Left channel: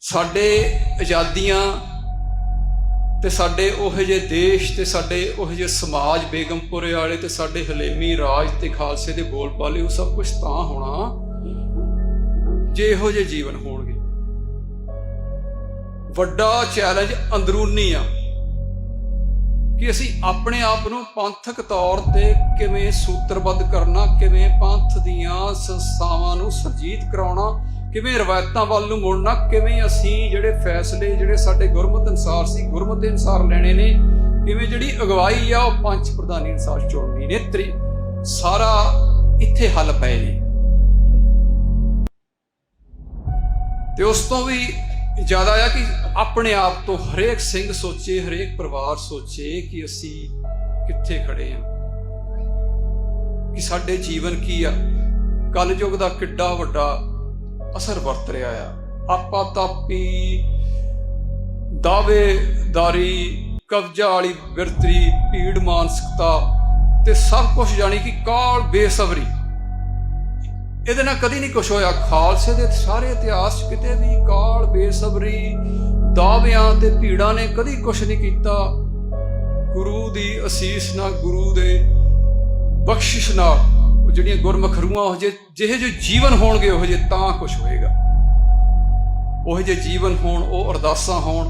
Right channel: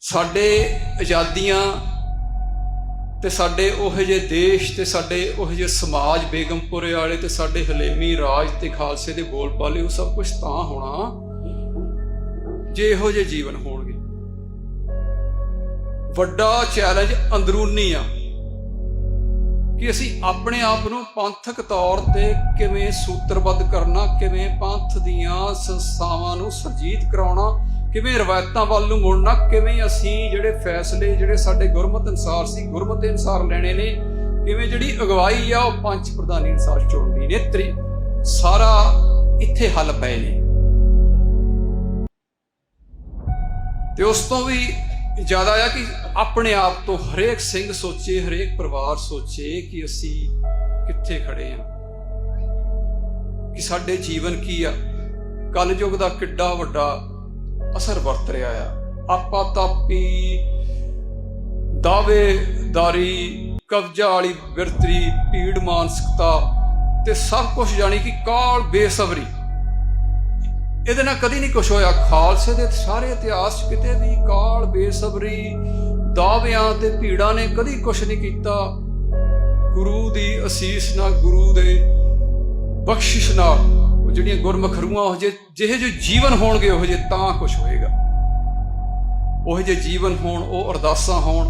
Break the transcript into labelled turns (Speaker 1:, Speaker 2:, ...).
Speaker 1: ਸਾਡੇ ਆਜ਼ਾਦੀਆਂ ਤੇ ਸਾਡੇ ਉਹ ਜਿਹੇ ਦੇਸ਼ ਤੇ ਸਾਡੇ ਉਹ ਜਿਹੇ ਸਮਾਜ ਬੇਗਮਪੁਰੇ ਵਾਲੇ ਤੇ ਸਾਡੇ ਹਲੇਮੀ ਰਾਜ ਤੇ ਖਾਲਸੇ ਦੇ ਬੋਲ ਪਾਲੇ ਉਹ ਸਭ ਕੁਝ ਤਾਂ ਹੋਣਾ ਜੇ ਇਹੋ ਜਿਹੇ ਜੀਵਨ ਹੋਣਗੇ। ਵੱਡਾ ਚੈਲੰਜ ਅੰਦਰੂਨੀ ਆ। ਕਿ ਅਸੀਂ ਆਪਣੇ ਆਪ ਨੂੰ ਪੰਥਕ ਤੌਰ ਤੇ ਕਿਵੇਂ ਸੂਤਰਬੱਧ ਕਰਨਾ, ਕਿਵੇਂ ਪੰਥ ਦੀਆਂ ਸੰਸਥਾਵਾਂ ਨੂੰ ਸਰਜੀਤ ਕਰਾਉਣਾ, ਕਿਵੇਂ ਰਵਾਇਤਾਂ ਵੱਲ ਨੂੰ ਮੁੜਨਾ, ਕਿਵੇਂ ਅਸੀਂ ਜਿਹੜੇ ਫੈਸਲੇ ਜਿਹੜੇ ਸਾਡੇ ਗੁਰਮਤ ਅਨਸਾਰ ਸੀ, ਗੁਰਮਤ ਦੇ ਅਨਸਾਰ ਲੈਣੇ ਨੇ, ਕਿਵੇਂ ਜਿਹੜੀ ਅਗਵਾਈ ਆ ਉਹ ਪੰਜ ਪ੍ਰਧਾਨੀ ਅਨਸਾਰ ਚੁਣਨੀ ਨੇ। ਤਰੀ ਸਾਰਾ ਇੱਥੇ ਹੱਲ ਪਏ ਨੇ। ਤੇ ਉਸ ਤੋਂ ਵੀ ਜ਼ਿਆਦਾ ਆ ਕਿ ਆਪਣੇ ਆਪ ਤੋਂ ਹਰੇਕ ਸਿੰਘ ਸੋਚੇ, ਹਰੇਕ ਪਰਿਵਾਰ ਸੋਚੇ ਕਿ ਅਸੀਂ ਕਿੱਥੇ ਖੜੇ ਆ। ਕਿ ਸਾਡੇ ਜੀਵਨ ਕੀ ਆ। ਕਲਯੁਗ ਦਾ ਕਿੱਡਾ ਵੱਡਾ ਅਸਰ ਵਰਤ ਰਿਹਾ ਆ। ਆਪਾ ਤਾਪੀ ਦਾਵੇਦਾਰੀ ਕਬਜ਼ਾ ਵਾਲੀ ਬਿਰਤਰੀ ਭੀੜ ਮਾਨਸਿਕਤਾ ਤੇ ਸਭ ਕੁਝ ਜਾਣੀ ਕਿ ਕਾਲ ਬੇਸਬਰੀ। ਇਹਦੇ ਨਾਲ ਕਦੀ ਨਹੀਂ ਕੁਝ ਹੋਇਆ। ਖਾਲਸੇ ਦੇ ਸਾਰੇ ਇਤਿਹਾਸ 'ਚ ਕਿਤੇ ਵੀ ਕਾਲ, ਬੇਸਬਰੀ, ਦਾਅਵਿਆਂ ਤੇ ਭੀੜਾਂ ਨੇ ਕਦੀ ਕੁਝ ਨਹੀਂ ਕੀਤਾ। ਗੁਰੂ ਦੀ ਅਸੀਸ ਨਾਲ, ਗੁਰੂ ਦੇ ਬਖਸ਼ਿਸ਼ ਨਾਲ ਉਹ ਜਿਹੜੀਆਂ ਗੁਰਮੁਖ ਰੂਹਾਂ ਉਹ ਜੇ ਜਿਹੇ ਜਿਹੇ ਜੀਵਨ ਹੋਣਗੇ, ਉਹ ਜੇ ਤਾਂ ਕੁਝ ਹੋਏਗਾ। ਉਹ ਜੇ ਜੀਵਨ ਹੋਣ, ਉਹ ਅਰਦਾਸਾਂ ਹੋਣ